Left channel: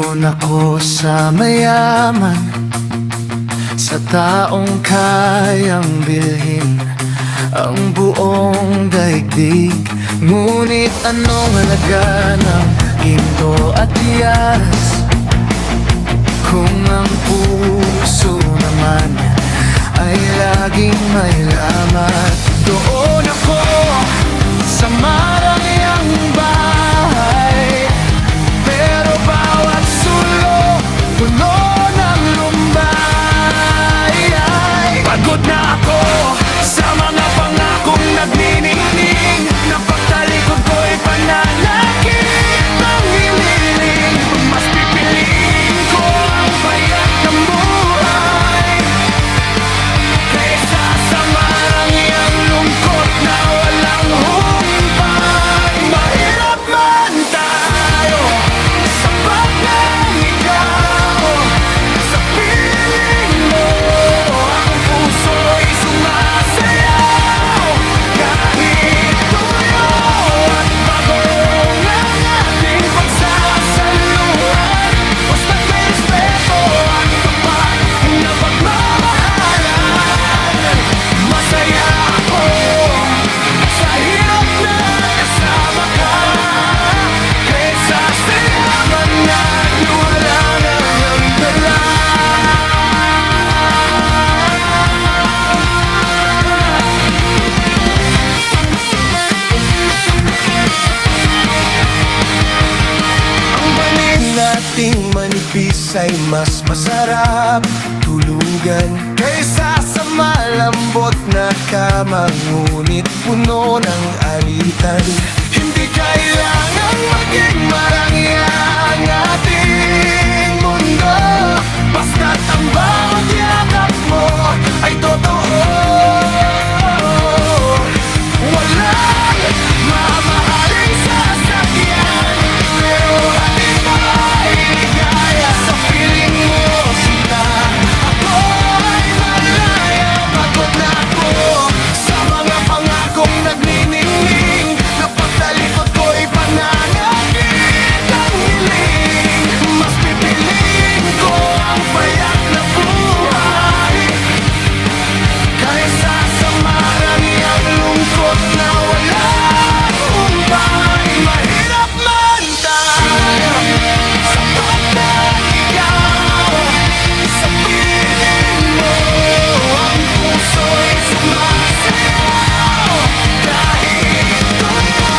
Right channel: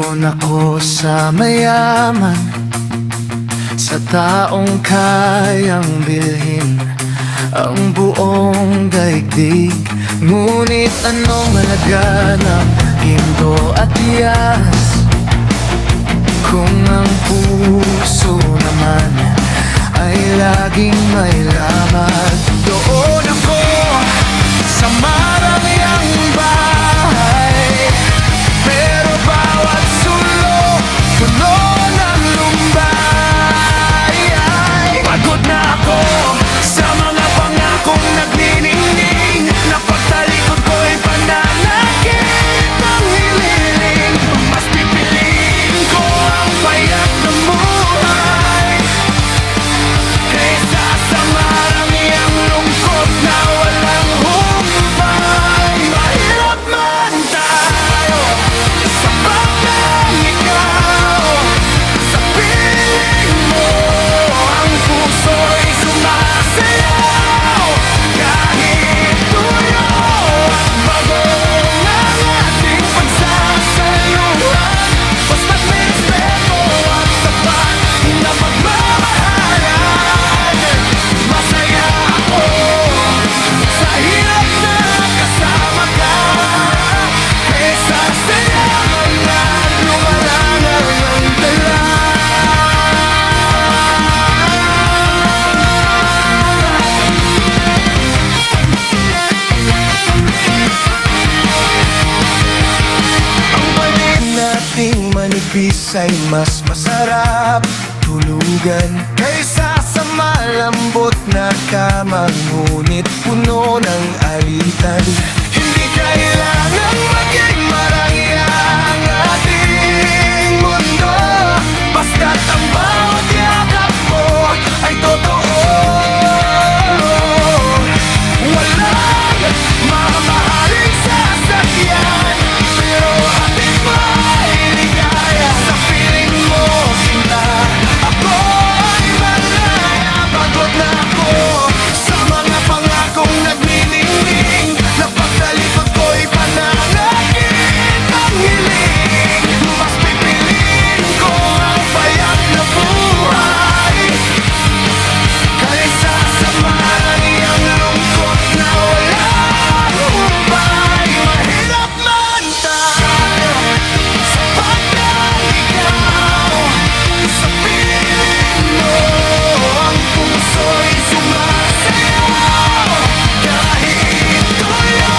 Doon ako sa mayaman, sa taong kayang bilhin ang buong daigdig. Ngunit anong halaga ng ginto at tiyas kung ang puso naman ay laging may lamat? Doon ako sa marangyang bahay, pero bawat sulok puno ng lumbay. Pagod na ako sa mga pangakong nagniningning, na pagtalikod ko'y pananakit ng hililing. Mas pipiliin ko ang payat ng buhay kaysa sa marangyang lungkot na walang humpay. Mahirap man tayo, sapat lang ikaw. Sa piling mo ang puso'y sumasayaw. Kahit tuyo at bagong ang ating pagsasaluhan, basta't may respeto at tapat na pagmamahalan. Masaya ako sa hirap na kasama ka, kaysa sa yaman na lumalangang ang dala. Ang banig nating manipis ay mas masarap tulugan kaysa sa malambot na kama, ngunit puno ng alitan. Hindi kailangang maging marangya ang ating mundo, basta't ang bawat yakap mo ay totoo. Walang mamahaling sasakyan, pero hatid mo ay ligaya. Sa piling mo, sinta, ako ay malaya. Pagod na ako sa mga pangakong nagniningning, na pagtalikod ko'y pananakit ang hiling. Mas pipiliin ko ang payat na buhay kaysa sa marangyang lungkot na walang humpay. Mahirap man tayo, sapat lang ikaw. Sa piling mo ang puso'y sumasayaw. Kahit tuyo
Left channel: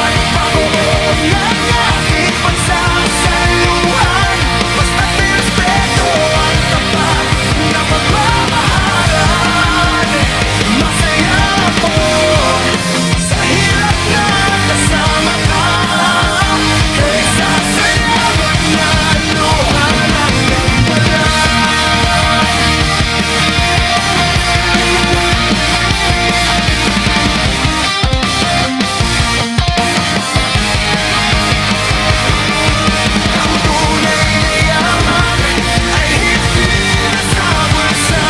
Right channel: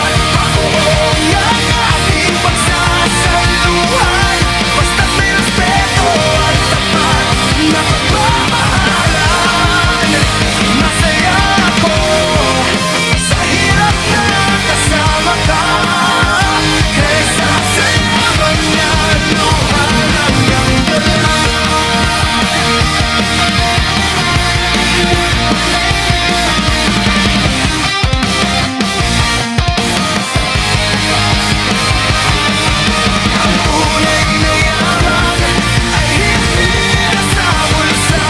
at bagoong ang ating pagsasaluhan, basta't may respeto at tapat na pagmamahalan. Masaya ako sa hirap na kasama ka, kaysa sa yaman na luha hanggang dala. Ang tunay na yaman ay hindi nasa bulsa,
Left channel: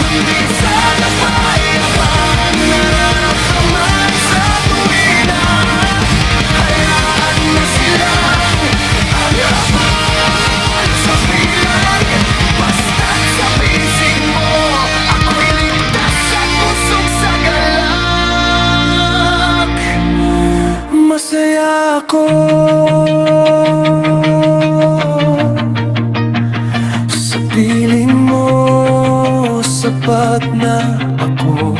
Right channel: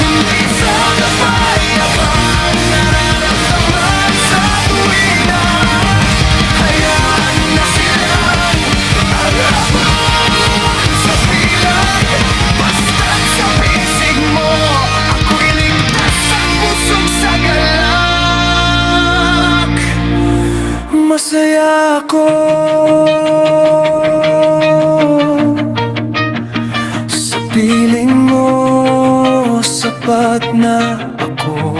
kundi sa kapayapang nararamdaman sa tuwina. Hayaan na silang ang habol sa bilang, basta't sa bisig mo ako'y ligtas at busog sa galak. Masaya ako sa piling mo, sapat na ako.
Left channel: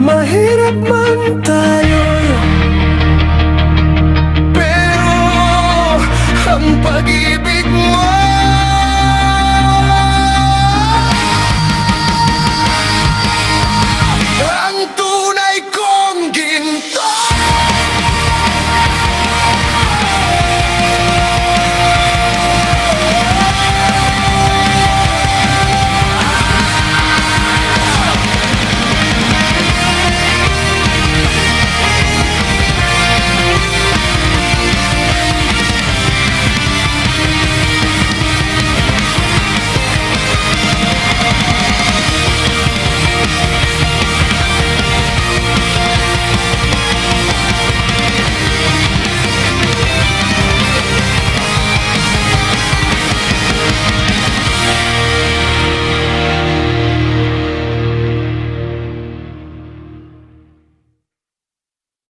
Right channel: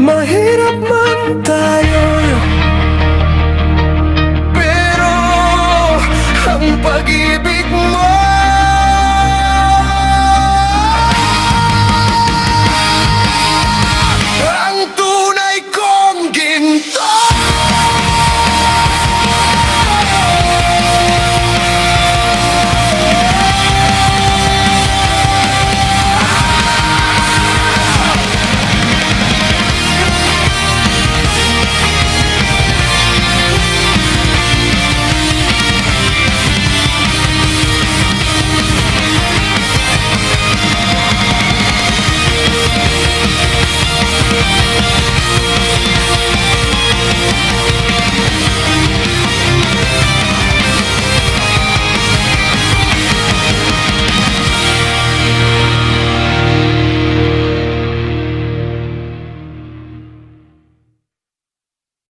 Mahirap man tayo, pero ang pag-ibig mo